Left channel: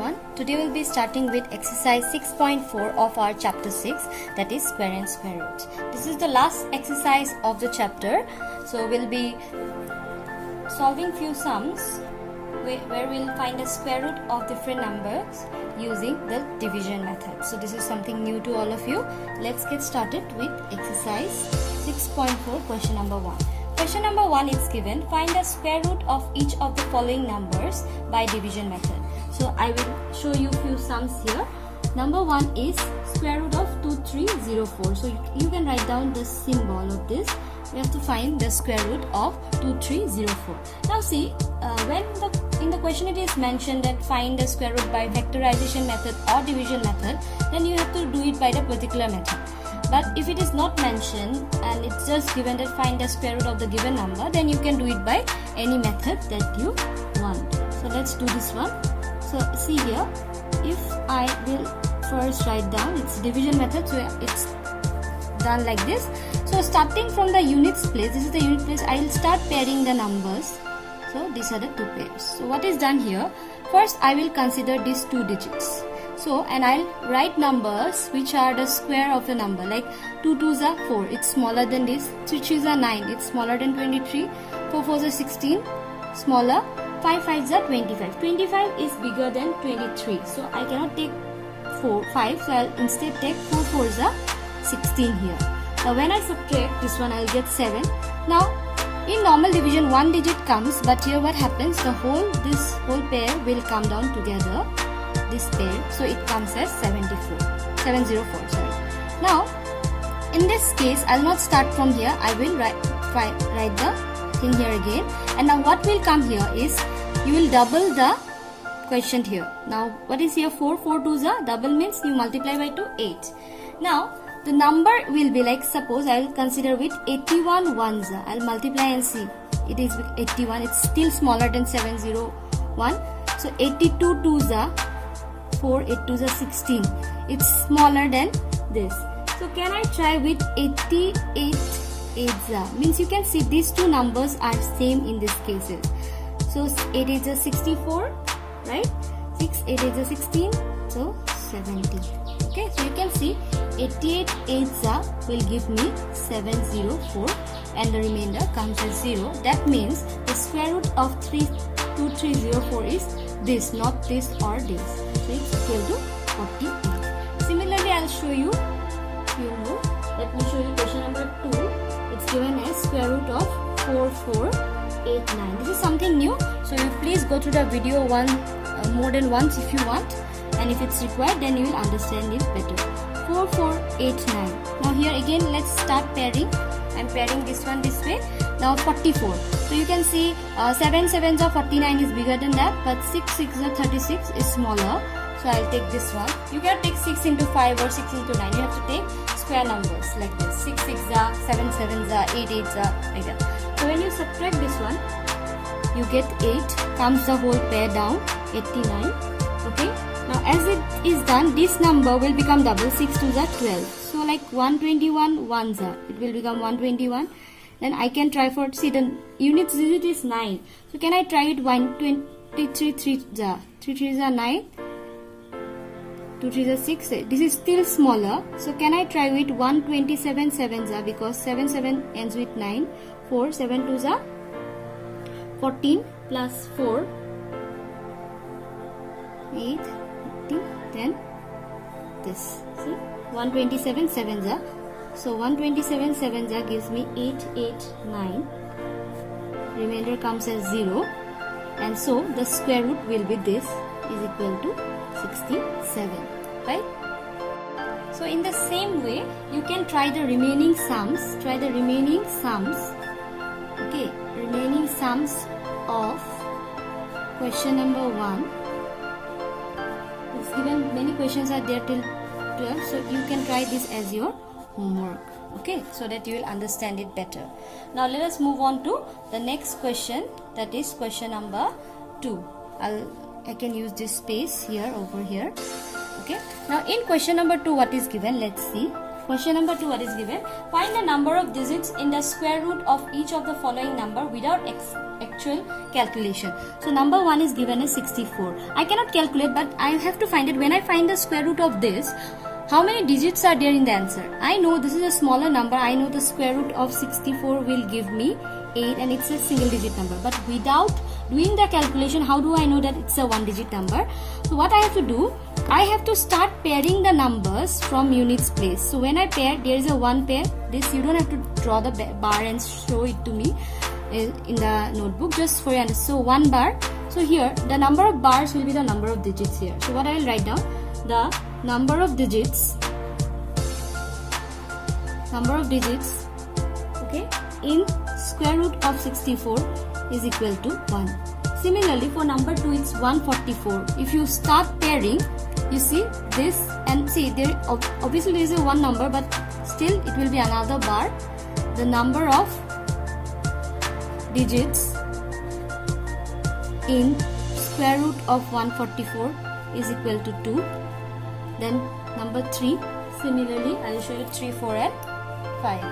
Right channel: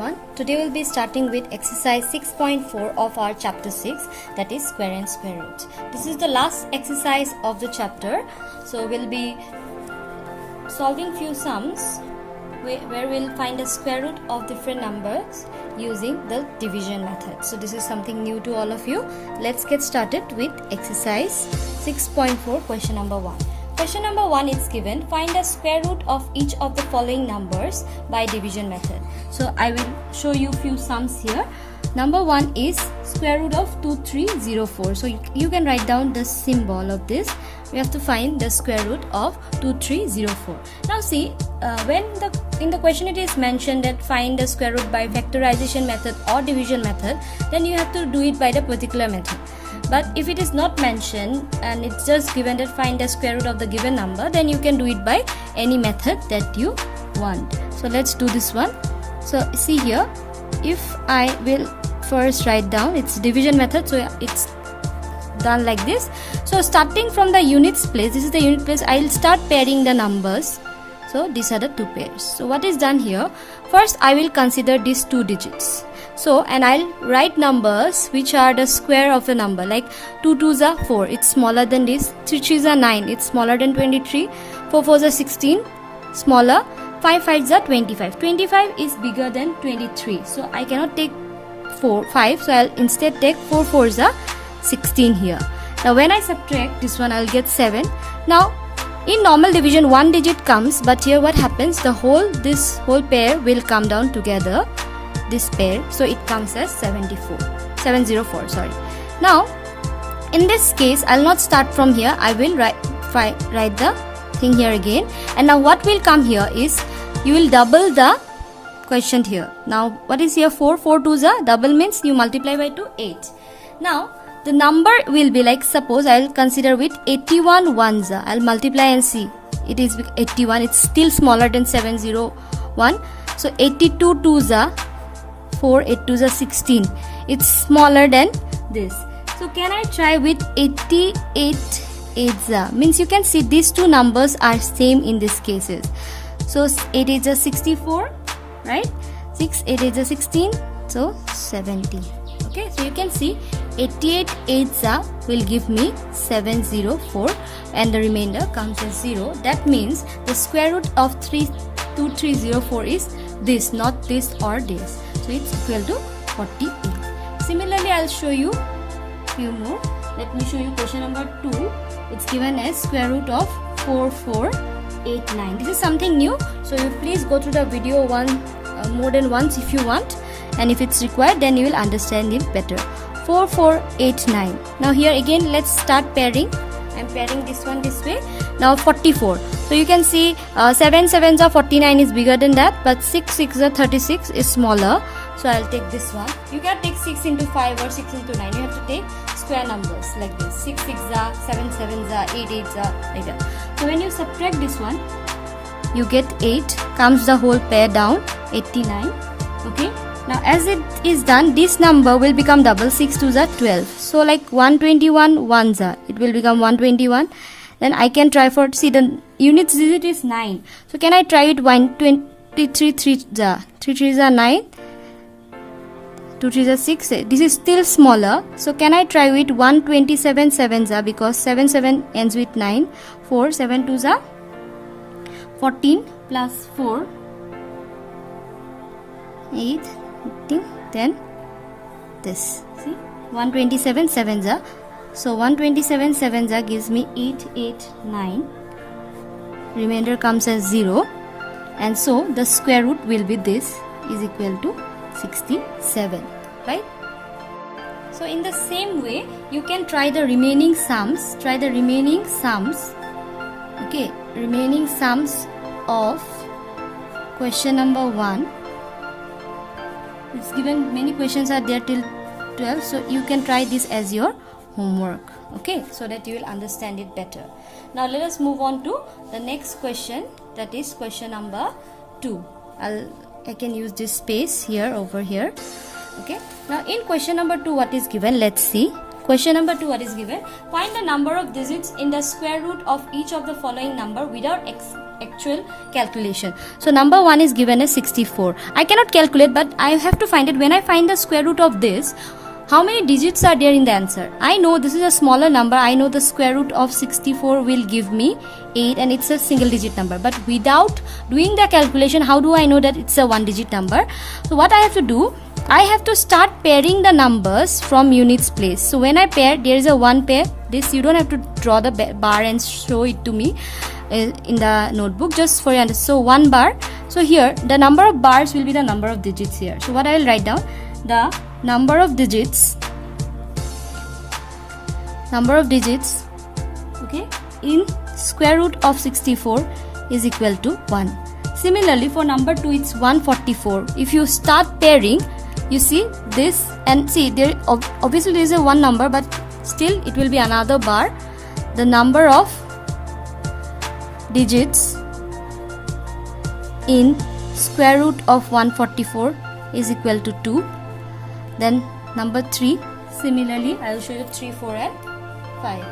everyone. Today we'll be starting with exercise 6.4 of our chapter 6, that is square and square root. This is the last exercise of the chapter. So we'll be solving few sums where we'll find a square root of different numbers using the division method. So this is something new to all of you. Let's get started with exercise 6.4, question number 1. Question number 1 is given, find the square root of each of the following numbers by division method. So I will show you few sums here. Number 1 is square root of 2304. So you can write down the symbol of this. We have to find the square root of 2304. Now see, when in the question it is mentioned that find the square root by factorization method or division method, then you have to do it by the particular method. But if it is not mentioned and it's just given that find the square root of the given number, then you can do it by any method that you want. So let's do this one. So see here, if I will first write down its division method, so it's done like this. So starting from the units place, this is the unit place, I'll start pairing the numbers. So these are the two pairs. So what is done here, first I will consider these two digits. So and I'll write numbers which are the square of a number, like 2 2s are 4, it's smaller than this, 3 3s are 9, it's smaller than 23, 4 4s are 16, smaller, 5 5s are 25. 25 is bigger than 23, so I cannot take 5, so I'll instead take 4 4s are 16 here. Now when I subtract this one, I'll get 7. Now in normal division one digit comes, but here what happens, this whole pair will come down together, this pair, so it comes as 704, sorry. Now in this case I'll not start from here, I will write the thing here again, and now what will come here is you will double the quotient here. Now what is here, 4 4 2s are double, means you multiply by 2, 8. Now the number will be like, suppose I'll consider with 81 ones, I'll multiply and see, it is 81, it's still smaller than 701. So 82 2s are 4, 8 2s are 16, it's smaller than this. So can I try with 88 8s, means you can see these two numbers are same in these cases. So 8 8s are 64, right? 6 8 8s are 16, so 70. Okay, so you can see 88 8s will give me 704, and the remainder comes as 0. That means the square root of 2304 is this, not this or this. So it's equal to 48. Similarly, I'll show you few more. Let me show you question number 2. It's given as square root of 4489. This is something new, so you please go through the video more than once if you want, and if it's required then you will understand it better. 4489. Now here again let's start pairing. I'm pairing this one this way. Now 44. So you can see 7 7s are 49 is bigger than that, but 6 6 are 36 is smaller. So I'll take this one. You can take 6 into 5 or 6 into 9. You have to take square numbers like this. 6 6 are, 7 7s are, 8 8s are, like that. So when you subtract this one, you get 8, comes the whole pair down, 89. Okay. Now as it is done, this number will become double, 6 2s are 12. So like 121 ones are, it will become 121. Then I can try for, see the units digit is 9. So can I try it 123 3s are, 3 3s are 9, 2 3s are 6. This is still smaller. So can I try with 127 7s are, because 7 7 ends with 9, 4 7 2s are 14 plus 4, 8, 15, then this, see, 127 7s are, so 127 7s are gives me 889, remainder comes as 0, and so the square root will be this, is equal to 67, right? So in the same way you can try the remaining sums, okay, remaining sums of question number 1. It's given, many questions are there till 12, so you can try this as your homework, okay, so that you will understand it better. Now let us move on to the next question, that is question number 2. I can use this space here, over here. Okay, now in question number 2 what is given, let's see. Question number 2 what is given, find the number of digits in the square root of each of the following number without actual calculation. So number 1 is given as 64. I cannot calculate, but I have to find it. When I find the square root of this, how many digits are there in the answer? I know this is a smaller number. I know the square root of 64 will give me 8 and it's a single digit number. But without doing the calculation, how do I know that it's a one digit number? So what I have to do, I have to start pairing the numbers from units place. So when I pair, there is a one pair. This you don't have to draw the bar and show it to me in the notebook, just for you. So one bar. So here the number of bars will be the number of digits here. So what I will write down, the number of digits, okay, in square root of 64 is equal to 1. Similarly, for number 2 it's 144. If you start pairing, you see this, and see there obviously there is a one number, but still it will be another bar. The number of digits in square root of 144 is equal to 2. Then number 3, similarly I will show you 3, 4 and 5.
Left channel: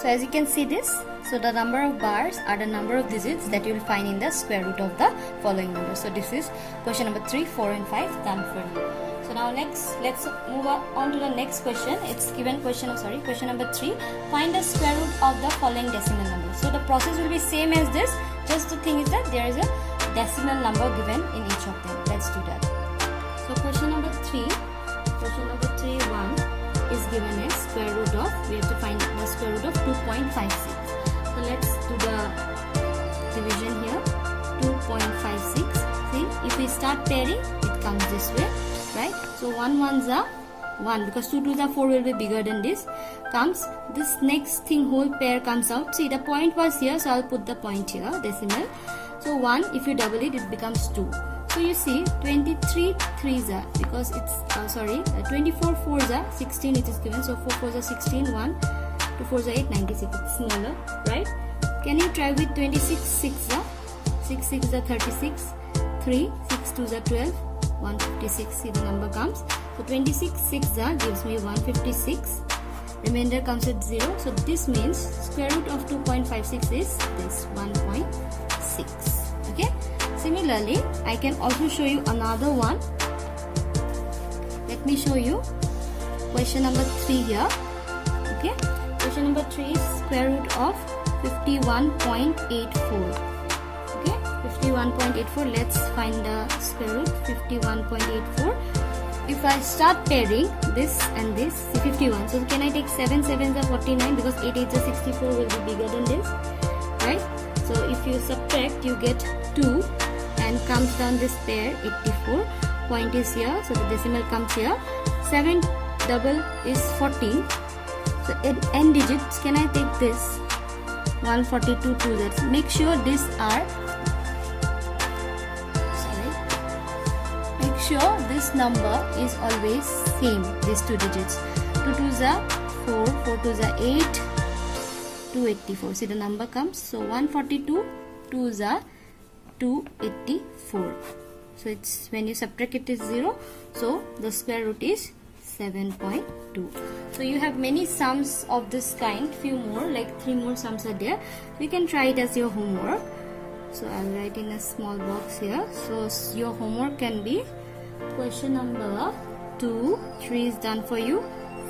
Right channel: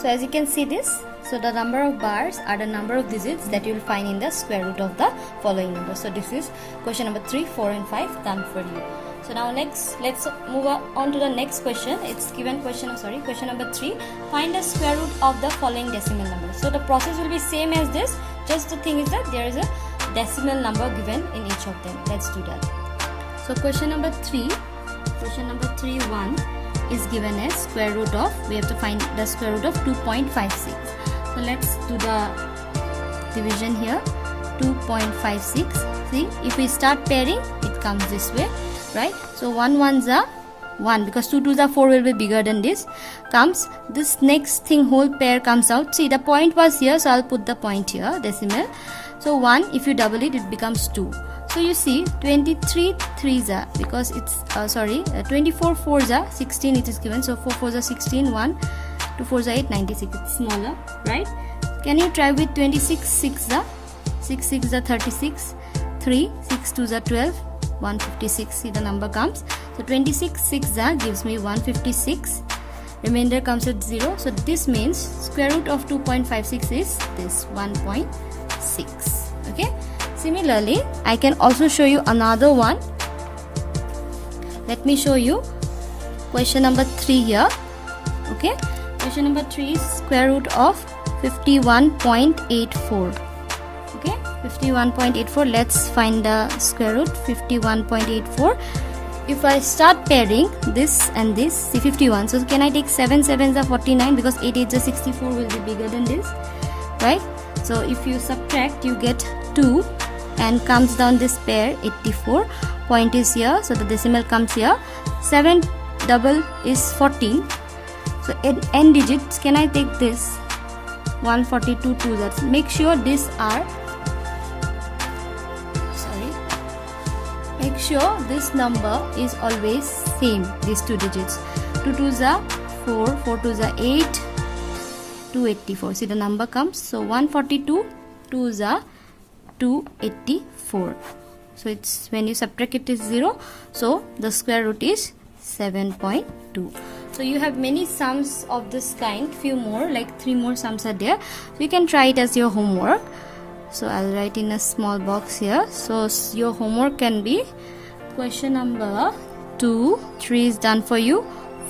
So as you can see this, so the number of bars are the number of digits that you will find in the square root of the following numbers. So this is question number 3, 4 and 5 done for you. So now next, let's move on to the next question. It's given question number 3. Find the square root of the following decimal number. So the process will be same as this. Just the thing is that there is a decimal number given in each of them. Let's do that. So question number 3, 1 is given as square root of, we have to find the square root of 2.56. So let's do the division here. 2.56. See, if we start pairing, it comes this way, right? So 1 ones are 1, because 2 twos are 4 will be bigger than this. Comes this next thing, whole pair comes out. See, the point was here, so I'll put the point here, decimal. So 1, if you double it, it becomes 2. So you see 23 3s are, because it's 24 4s are 16, it is given. So 4 4s are 16, 1 2 4s are 8, 96. It's smaller, right? Can you try with 26 6s are 6 6s are 36, 3 6 2s are 12, 156. See, the number comes. So 26 6s are gives me 156. Remainder comes at 0. So this means square root of 2.56 is this 1.6. Okay. Similarly, I can also show you another one. Let me show you question number 3 here. Okay, question number 3 is square root of 51.84. Okay, 51.84. Let's find the square root. 51.84. If I start pairing this and this, see 51. So can I take 7 7s are 49, because 8 8s are 64 will be bigger than this, right? So if you subtract, you get 2. And comes down this pair 84. Point is here, so the decimal comes here. 7 double is 14. So n digits, can I take this 142 to that? Make sure these are, make sure this number is always same, these two digits. 2 2s are 4, 4 2s are 8, 284. See, the number comes. So 142 2s are 284. So it's, when you subtract it is 0. So the square root is 7.2. So you have many sums of this kind, few more, like 3 more sums are there. So you can try it as your homework. So I'll write in a small box here. So your homework can be question number 2, 3 is done for you,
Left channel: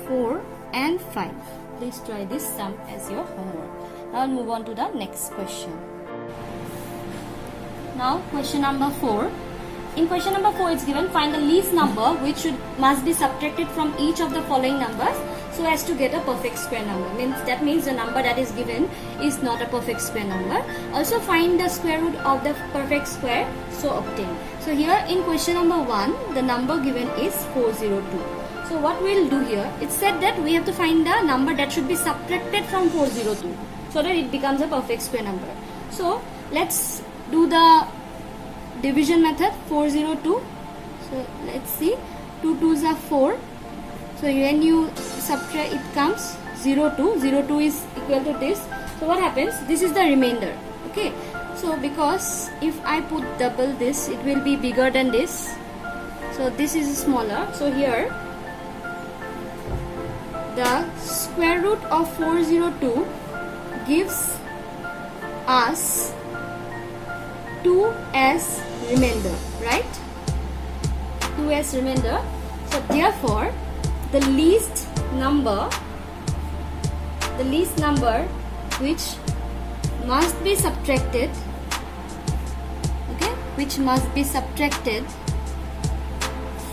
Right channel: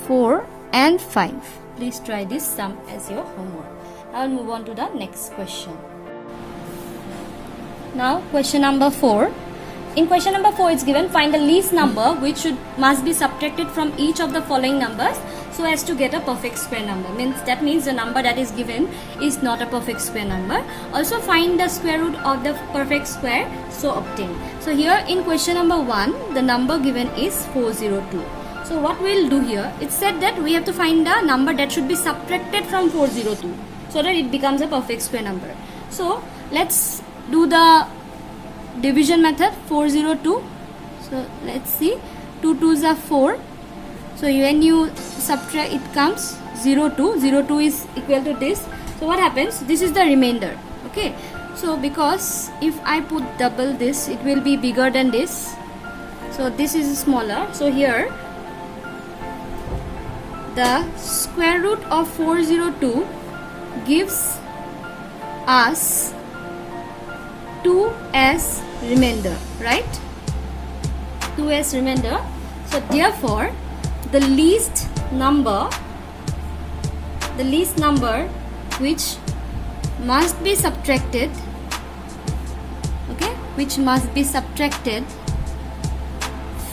4 and 5. Please try this sum as your homework. Now I'll move on to the next question. Now question number 4. In question number 4 it's given, find the least number which must be subtracted from each of the following numbers so as to get a perfect square number. That means the number that is given is not a perfect square number. Also find the square root of the perfect square, so obtain. So here in question number 1, the number given is 402. So what we'll do here, it said that we have to find the number that should be subtracted from 402 so that it becomes a perfect square number. So let's do the division method. 402. So let's see, 2 2s are 4. So when you subtract, it comes 02. 02 is equal to this. So what happens? This is the remainder. Okay. So because if I put double this, it will be bigger than this. So this is smaller. So here the square root of 402 gives us 2s remainder, right? 2s remainder. So therefore the least number which must be subtracted, okay, which must be subtracted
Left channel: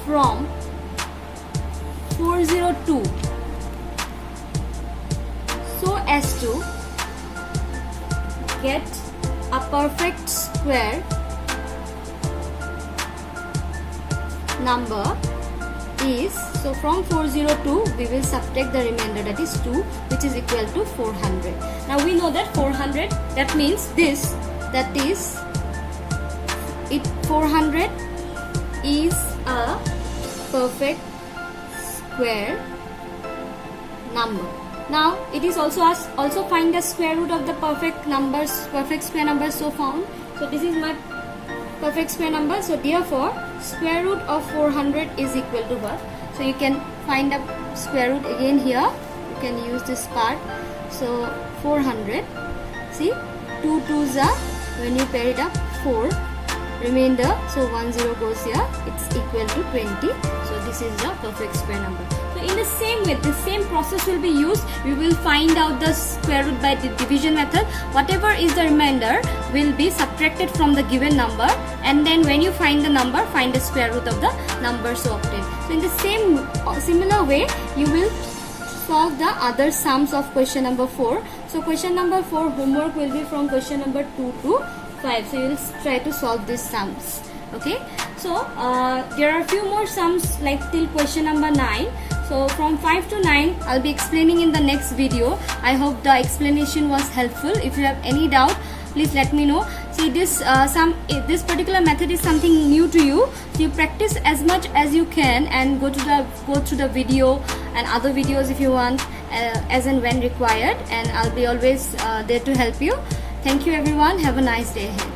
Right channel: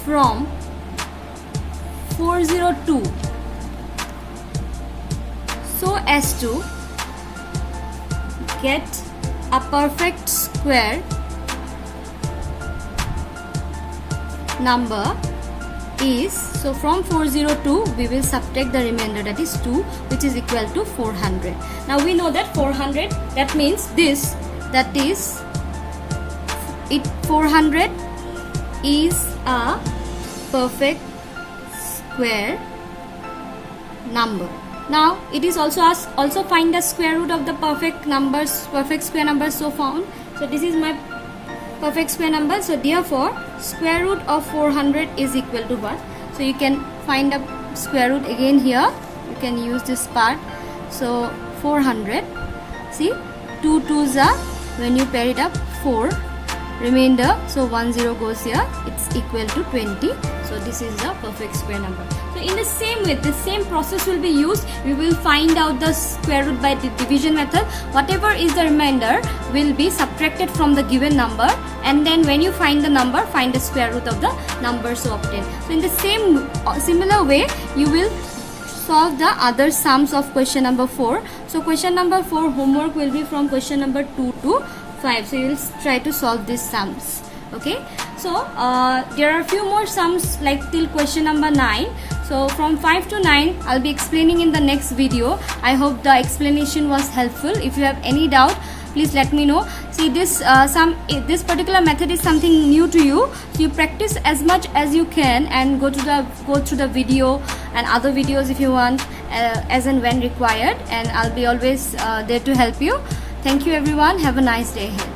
from 402 so as to get a perfect square number is, so from 402 we will subtract the remainder, that is 2, which is equal to 400. Now we know that 400, that means this, that is it, 400 is a perfect square number. Now it is also find the square root of the perfect square numbers so found. So this is my perfect square number. So therefore square root of 400 is equal to what? So you can find a square root again here. You can use this part. So 400. See, 2 2s are, when you pair it up, 4. Remainder, so 1 0 goes here. It's equal to 20. So this is the perfect square number. So in the same way, the same process will be used. We will find out the square root by the division method. Whatever is the remainder will be subtracted from the given number, and then when you find the number, find the square root of the number so obtained. So in the similar way, you will solve the other sums of question number 4. So question number 4 homework will be from question number 2 to 5. So you will try to solve these sums. Okay. So there are a few more sums like till question number 9. So from 5 to 9 I'll be explaining in the next video. I hope the explanation was helpful. If you have any doubt, please let me know. See, this particular method is something new to you. So you practice as much as you can and go through the video and other videos if you want, as and when required, and I'll be always there to help you. Thank you everyone. Have a nice day ahead.